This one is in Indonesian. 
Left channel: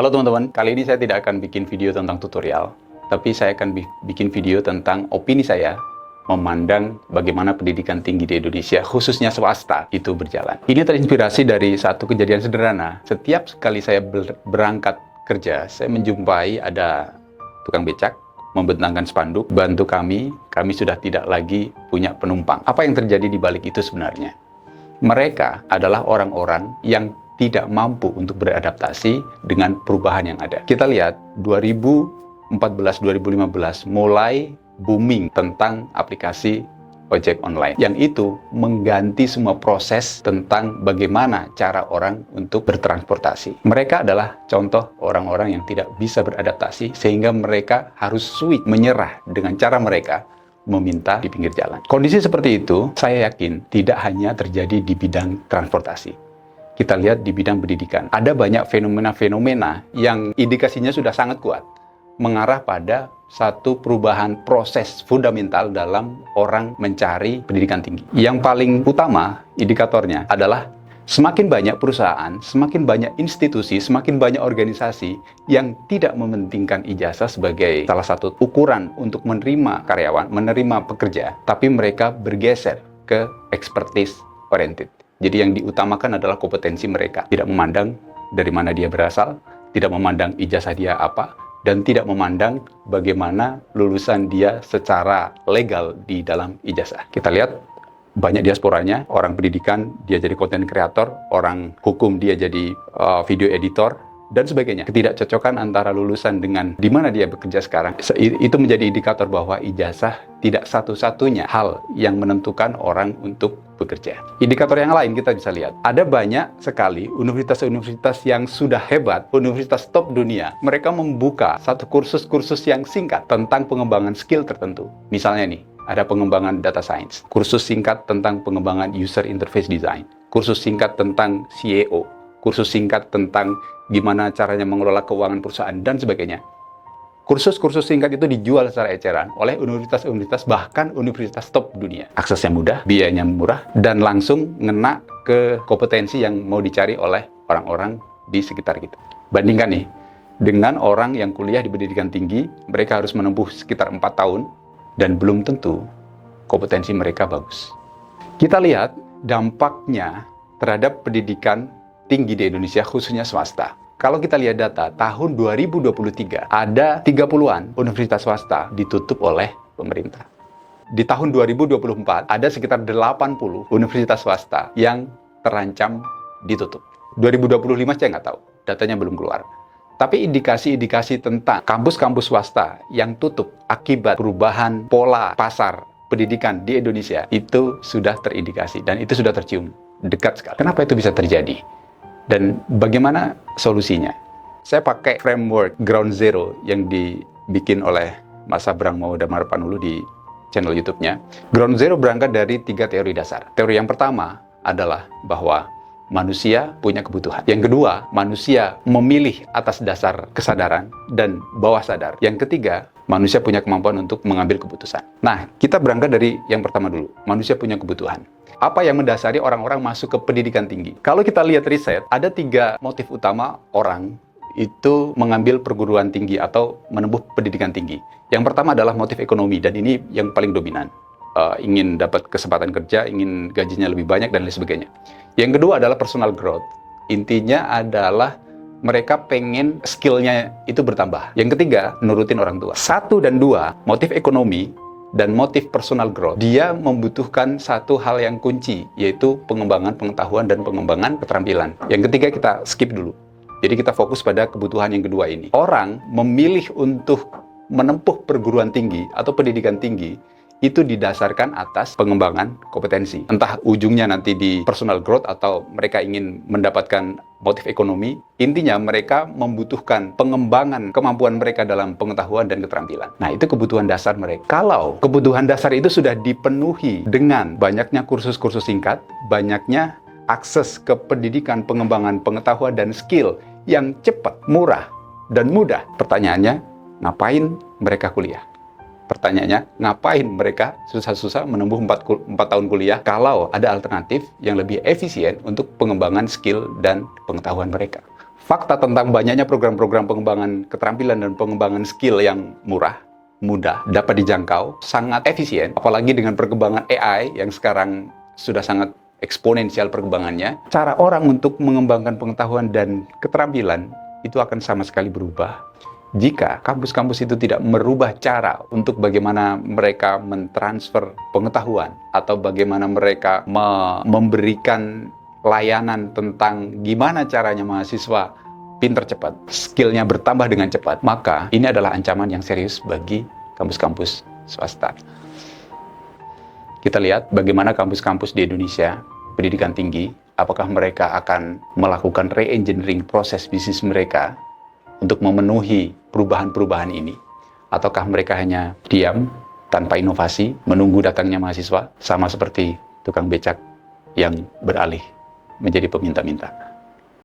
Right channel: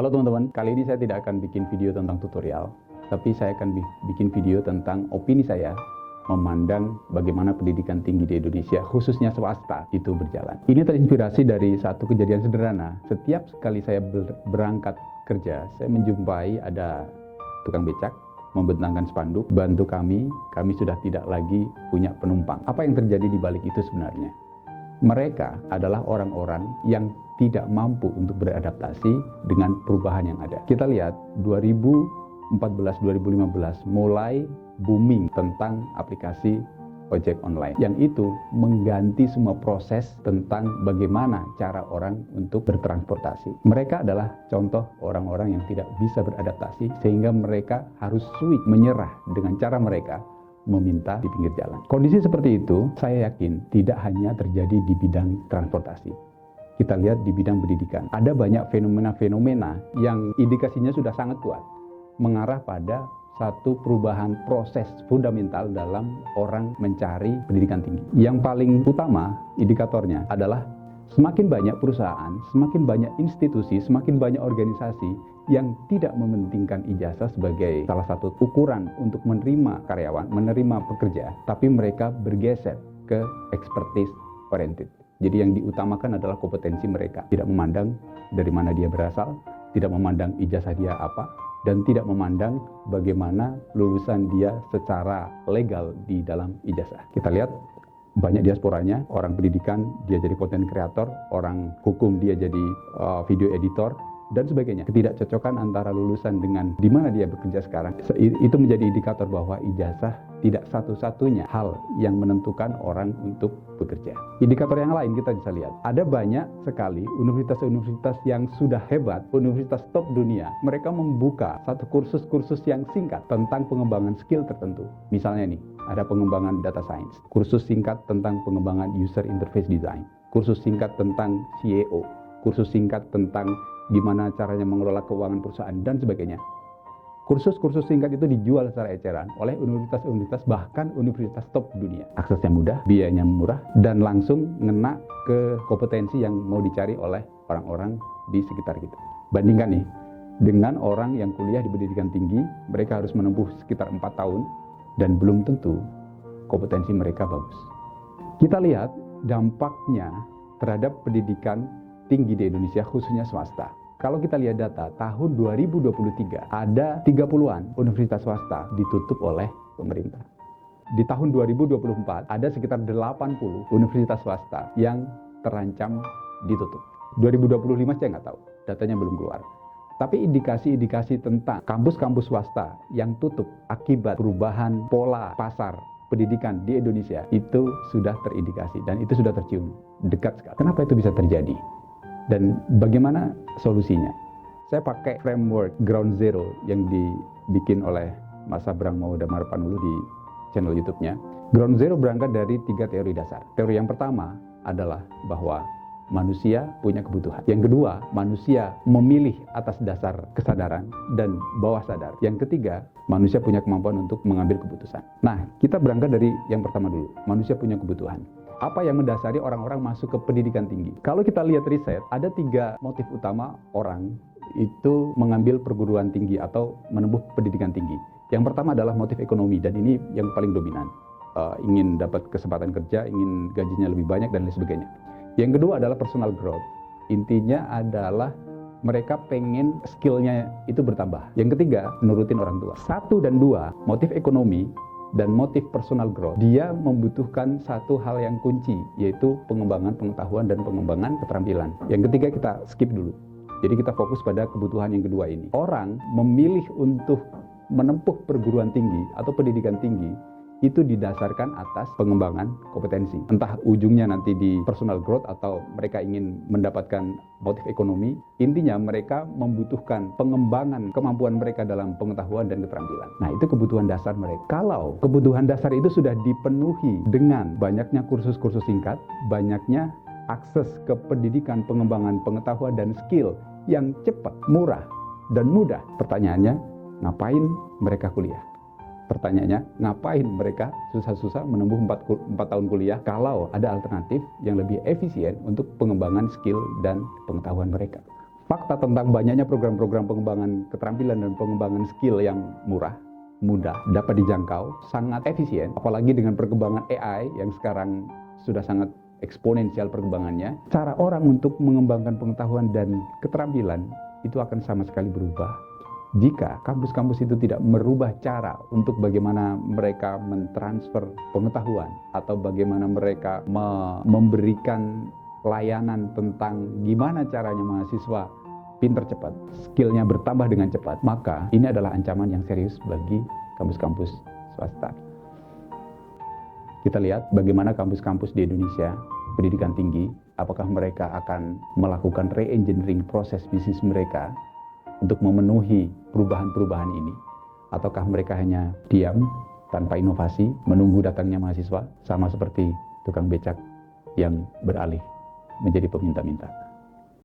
Halo teman-teman, kali ini saya tidak akan bikin video tentang tutorial, tapi saya akan bikin video tentang opini saya memandang bagaimana pendidikan tinggi di Indonesia, khususnya swasta, itu berjalan. Ini terinspirasi dari satu kejadian sederhana. Setiap kali saya berangkat kerja, saya menjumpai ada tukang becak membentangkan spanduk, bantu kami sudah tidak lagi punya penumpang. Apa yang terjadi di balik itu sebenarnya? Mereka adalah orang-orang yang tidak mampu untuk beradaptasi dengan perubahan yang ada. Kita lihat 2014-2015 mulai booming tentang aplikasi ojek online. Yang itu mengganti semua proses tentang bagaimana cara orang untuk bertransportasi. Mereka adalah contoh orang-orang yang tidak bisa beradaptasi sehingga mereka harus switch, menyerah dengan cara mereka meminta di pinggir jalan. Kondisi seperti itu, saya yakin tidak hanya terjadi di bidang transportasi. Kita lihat di bidang pendidikan. Ada banyak fenomena-fenomena yang indikasinya sudah sangat kuat, mengarah pada satu perubahan proses fundamental dalam orang mencari pendidikan tinggi. Yang paling utama indikatornya adalah semakin banyak perusahaan, semakin banyak institusi, semakin banyak organisasi yang tidak mementingkan ijazah sebagai salah satu ukuran untuk menerima karyawan, menerima pekerja, tapi mereka bergeser ke expertise oriented. Jadi yang diutamakan adalah kompetensi mereka, tidak memandang dari mana dia berasal, tidak memandang ijazah dia apa, dan tidak memandang bagaimana lulusan dia secara legal di dalam ijazah. Kita lihat banyak diasporanya, orang pendidikan dia jadi content creator, orang hukum dia jadi video editor, dan sebagainya. Ketidakcocokan antara lulusan dengan di mana dia bekerja sekarang, itu menjadi indikator bahwa ijazah tidak satu-satunya hal yang menentukan orang untuk bekerja. Indikator yang lain kita bisa lihat, ada banyak sekali universitas-universitas yang sudah hebat, universitas top dunia, mereka membuka satu kursus-kursus yang singkat tentang pengembangan skill tertentu. Misalnya nih, ada pengembangan data science, kursus singkat tentang pengembangan user interface design, kursus singkat tentang SEO, kursus singkat tentang gimana caranya mengelola keuangan perusahaan, dan sebagainya. Kursus-kursus singkat itu dijual secara eceran oleh universitas-universitas, bahkan universitas top dunia. Aksesnya mudah, biayanya murah, dan langsung ngena ke kompetensi yang mau dicari oleh orang-orang di sekitar kita. Bandingkan nih, dengan orang yang kuliah di pendidikan tinggi, mereka harus menempuh sekitar 4 tahun, dan belum tentu kompetensi mereka bagus. Kita lihat dampaknya terhadap pendidikan tinggi di Indonesia, khususnya swasta. Kalau kita lihat data, tahun 2023 ada 30-an universitas swasta ditutup oleh pemerintah. Di tahun 2024 ada sekitar 80 universitas swasta yang terancam ditutup. 2025 saya nggak tahu, datanya belum keluar. Tapi indikasi-indikasi tentang kampus-kampus swasta yang tutup akibat perubahan pola pasar pendidikan di Indonesia itu sudah terindikasi dan itu sudah tercium dekat sekali. Kenapa itu bisa terjadi? Dan bagaimana solusinya? Saya pakai framework Ground Zero yang dibikin oleh Mas Abrang Maudamar Panulu di channel YouTube-nya. Ground Zero berangkat dari 3 teori dasar. Teori yang pertama adalah bahwa manusia punya kebutuhan. Yang kedua, manusia memilih atas dasar kesadaran dan bawah sadar. Yang ketiga, manusia punya kemampuan untuk mengambil keputusan. Nah, kita berangkat dari yang pertama dulu. Manusia punya kebutuhan. Apa yang mendasari orang-orang masuk ke pendidikan tinggi? Kalau kita lihat riset, ada 3 motif utama orang itu mengambil perguruan tinggi atau menempuh pendidikan tinggi. Yang pertama adalah motif ekonomi, dan ini yang paling dominan. Ingin dapat kesempatan kerja, ingin gajinya lebih banyak, dan lain sebagainya. Yang kedua adalah personal growth. Intinya adalah mereka pengen skillnya itu bertambah. Yang ketiga, nurutin orang tua. 1 dan 2, motif ekonomi dan motif personal growth, dia membutuhkan satu hal yang kunci, yaitu pengembangan pengetahuan dan pengembangan keterampilan. Yang ketiga kita skip dulu. Jadi kita fokus pada kebutuhan yang kedua ini. Orang memilih untuk menempuh perguruan tinggi atau pendidikan tinggi itu didasarkan atas pengembangan kompetensi. Entah ujungnya nanti di personal growth atau mereka ingin mendapatkan motif ekonomi, intinya mereka membutuhkan pengembangan kemampuan mereka dalam pengetahuan dan keterampilan. Nah, itu kebutuhan dasar mereka. Kalau kebutuhan dasar itu sudah dipenuhi dengan banyaknya kursus-kursus singkat, banyaknya akses ke pendidikan, pengembangan pengetahuan dan skill yang cepat, murah, dan mudah, pertanyaannya, ngapain mereka kuliah? Pertanyaannya, ngapain mereka susah-susah menempuh 4 tahun kuliah kalau ada alternatif yang lebih efisien untuk pengembangan skill dan pengetahuan mereka? fakta tentang banyaknya program-program pengembangan keterampilan dan pengembangan skill yang murah, mudah, dapat dijangkau, sangat efisien, apalagi dengan perkembangan AI yang sekarang sudah sangat eksponensial perkembangannya. Cara orang untuk mengembangkan pengetahuan dan keterampilan itu akan sama sekali berubah jika kampus-kampus itu tidak merubah cara untuk bagaimana mereka mentransfer pengetahuan atau bagaimana mereka memberikan layanan tentang gimana caranya mahasiswa pinter cepat, skillnya bertambah dengan cepat. Maka ini adalah ancaman yang serius bagi kampus-kampus swasta. Kita lihat bagaimana kampus-kampus di Indonesia, pendidikan tinggi, apakah mereka akan melakukan re-engineering proses bisnis mereka untuk memenuhi perubahan-perubahan ini, ataukah mereka hanya diam tanpa inovasi menunggu datangnya mahasiswa, sama seperti tukang becak yang beralih menjadi peminta-minta.